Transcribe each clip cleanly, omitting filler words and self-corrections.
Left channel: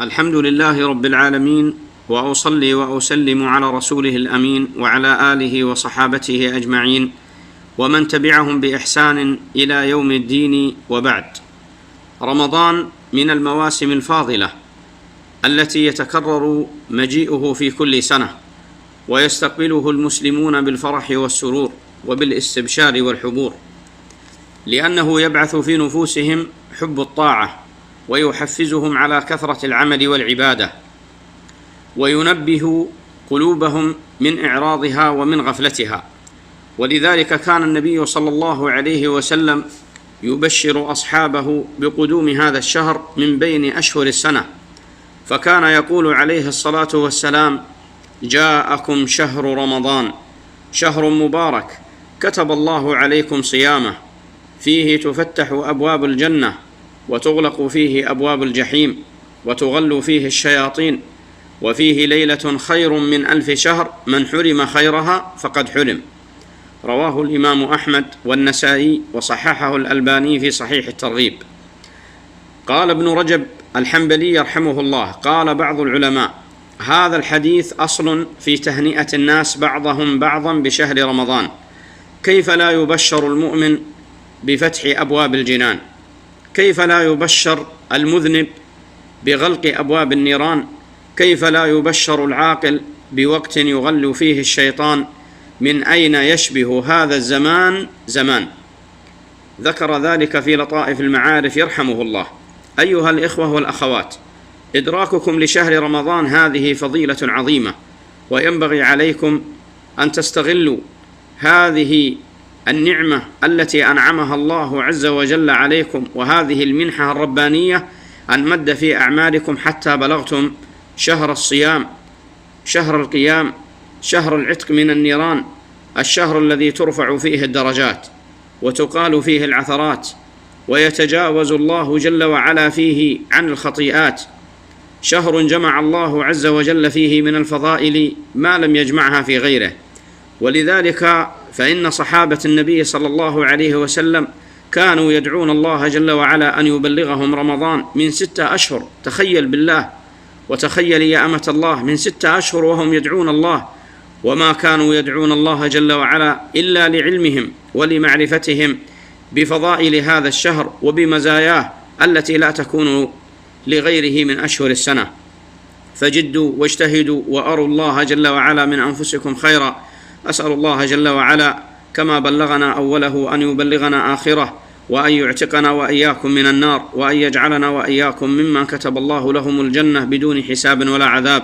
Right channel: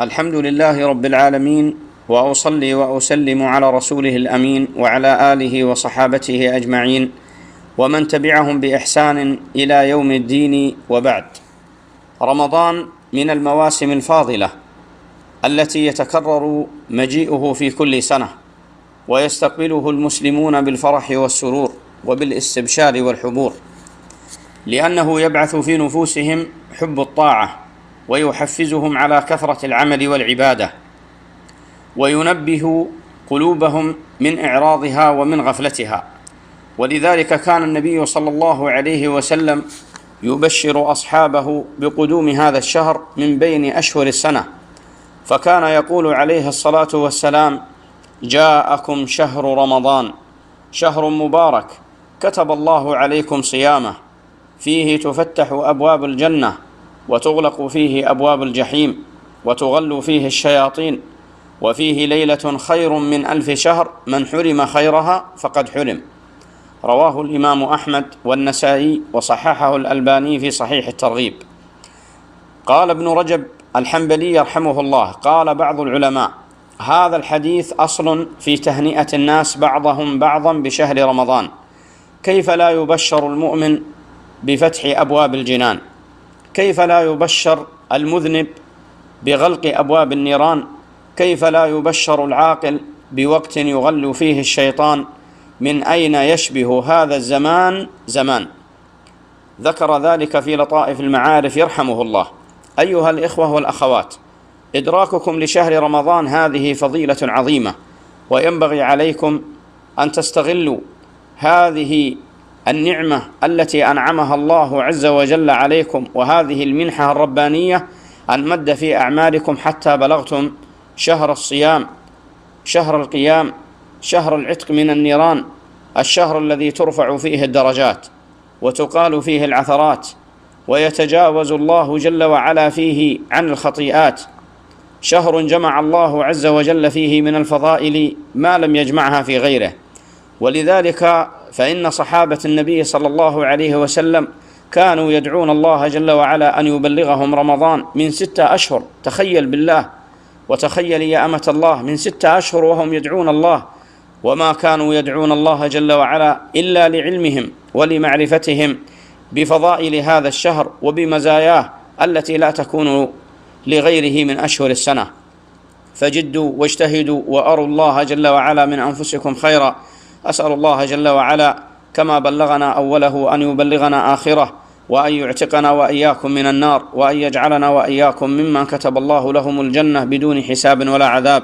الحمد لله رب العالمين، وأصلي وأسلم على رسوله الأمين وعلى آله وصحابته أجمعين ومن تبعهم بإحسان إلى يوم الدين، وبعد. رمضان من المواسم الفاضلة التي يتكرر مجيئه في كل سنة، ويستقبله المسلمون بالفرح والسرور وبالاستبشار والحبور، لأنه يبعث في نفوسهم حب الطاعة، ويحفزهم على كثرة العمل والعبادة، وينبه قلوبهم من إعراضها ومن غفلتها. ولذلك كان النبي صلى الله عليه وسلم يبشر أصحابه بقدوم هذا الشهر من بين أشهر السنة، فكان يقول عليه الصلاة والسلام: جاءكم شهر رمضان، شهر مبارك كتب الله عليكم صيامه، فيه تفتح أبواب الجنة، وتغلق فيه أبواب الجحيم، وتغل فيه الشياطين، وفيه ليلة خير من 1000 شهر، من حرم خيرها فقد حرم. رواه الإمام أحمد والنسائي، وصححه الألباني في صحيح الترغيب. قال ابن رجب الحنبلي رحمه الله: قال بعض العلماء: هذا الحديث أصل في تهنئة الناس بعضهم بعضا بشهر رمضان. كيف لا يبشر المؤمن بفتح أبواب الجنان؟ كيف لا يبشر المذنب بغلق أبواب النيران؟ كيف لا يبشر العاقل بوقت يغل فيه الشيطان؟ من أين يشبه هذا الزمان زمان؟ ذكر ذلك في لطائف المعارف يرحمه الله. أيها الإخوة والأخوات، إدراككم لشهر رمضان هذه فضيلة عظيمة، وينبغي عليكم أن تستغلوا هذه النعمة التي أنعمها الله عز وجل عليكم، وهذه المنحة الربانية أن مد في أعمالكم حتى بلغتم شهر الصيام، شهر القيام، شهر العتق من النيران، الشهر الذي ترفع فيه الدرجات وتقال فيه العثرات، ويتجاوز الله جل وعلا فيه عن الخطيئات، شهر جمع الله عز وجل فيه من الفضائل ما لم يجمعها في غيره. ولذلك فإن صحابة النبي صلى الله عليه وسلم كانوا يدعون الله جل وعلا أن يبلغهم رمضان من 6 أشهر. تخيل بالله، وتخيل يا أمة الله، من 6 أشهر وهم يدعون الله، وما كانوا يدعون الله جل وعلا إلا لعلمهم ولمعرفتهم بفضائل هذا الشهر وبمزاياه التي لا تكون لغيره من أشهر السنة. فجدوا واجتهدوا وأروا الله جل وعلا من أنفسكم خيرا. أسأل الله جل وعلا كما بلغنا أوله أن يبلغنا آخره، وأن يعتقنا وإياكم من النار، وأن يجعلنا وإياكم ممن كتب الله لهم الجنة بدون حساب ولا عذاب.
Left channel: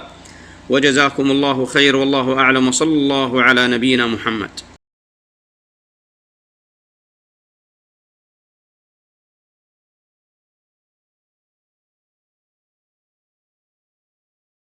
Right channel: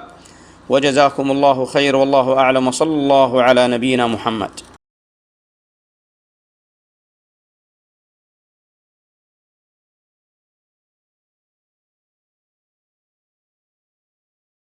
وجزاكم الله خير، والله أعلم، وصلى الله على نبينا محمد.